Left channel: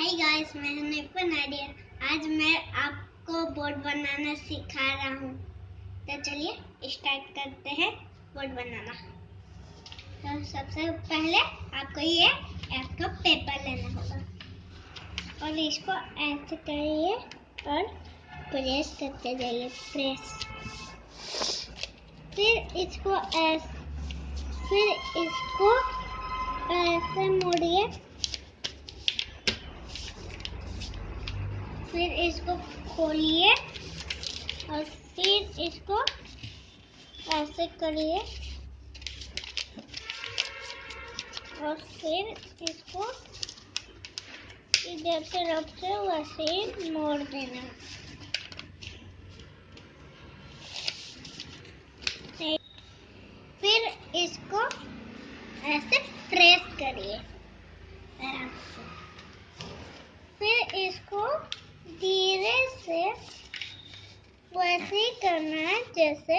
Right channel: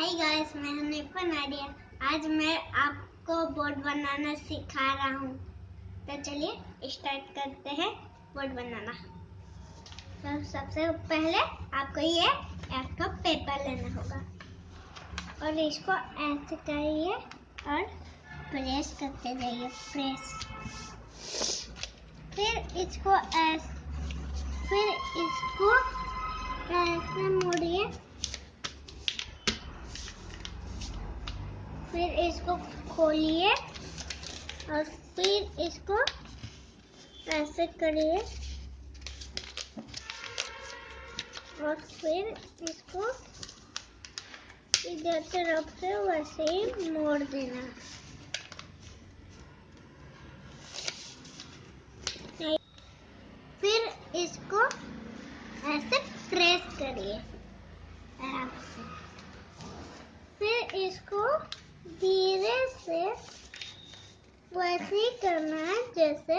Hi guys, मैं हूं नादिया। आज मैं आपको बोर्ड बनाना सिखा रहा हूं। तो चलिए स्टार्ट करते हैं बोर्ड बनाना। तो सबसे पहले आपको ये एक कप पेपर लेना होगा और इसको ऐसे करिए और प्रेस करते जाइए। प्रेस, फिर इसको ऐसे मोड़िए, फिर इसको खोलिए और फिर इसको ऐसे करिए और फिर इसको इधर से रख से वैसे ही मोड़ देना। फिर इसको ऐसे प्रेस करिए, फिर इसको धीरे से वैसे ही करना है जैसे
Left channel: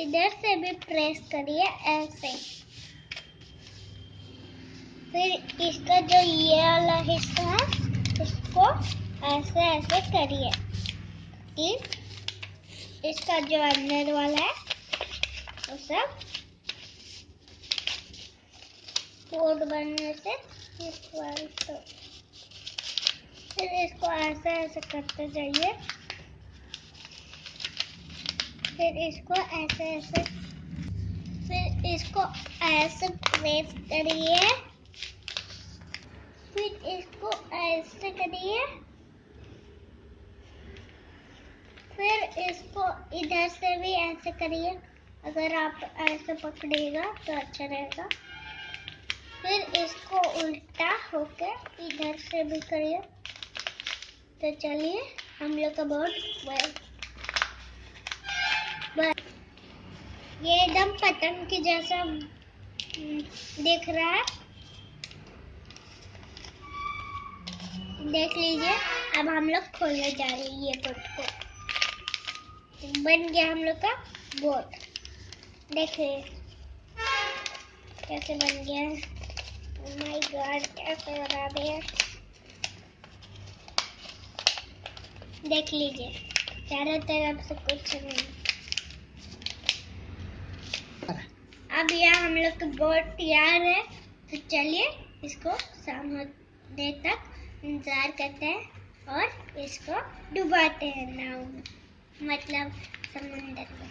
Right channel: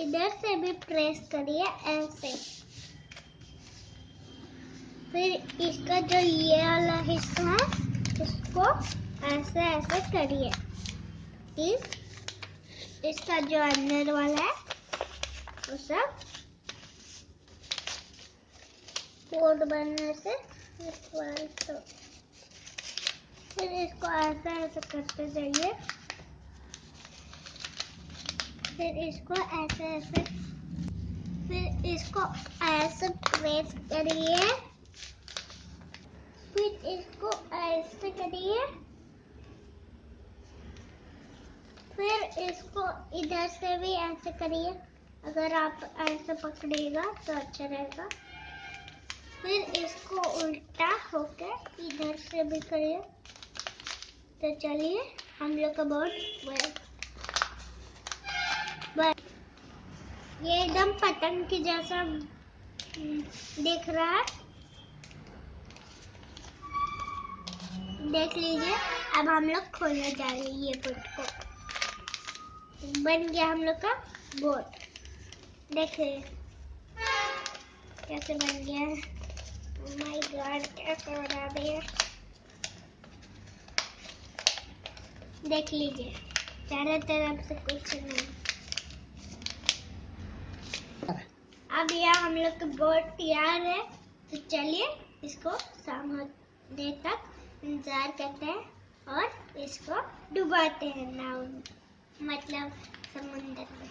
इधर से भी प्रेस करिए ऐसे। फिर इसका जो ये वाला हिस्सा है इसको ऐसे ऐसे करिए कि इसका जो अंदर वाला है वो सब बोर्ड बनने से तो फिर इसको ऐसे ऐसे करते जाइए। फिर इसको ऐसे प्रेस करिए, फिर इसको ऐसे करिए, फिर इसको इधर से भी ऐसे करिए। अगर आप ऐसे पकड़िएगा तो अच्छा रहेगा। फिर इसको उल्टा होकर इधर से भी करिए। तो चलिए हम लोग का बोर्ड ये एकदम पतंग की जैसा दिख रहा है। देख लीजिए। अब हम लोग खोलने जा रहे हैं ये बोर्ड को। बन गया हम लोग का बोर्ड। देखिए कैसे बन गया है। ओह माय गॉड, कैसे बना दिया। देख लीजिए चारों तरफ से कुछ नहीं। अब यह हम लोग का बोर्ड तैयार है। तो चलिए इसको शाम होने तक इंतजार करते हैं और इसको डुबाते हैं नाव में, मतलब समुंदर में।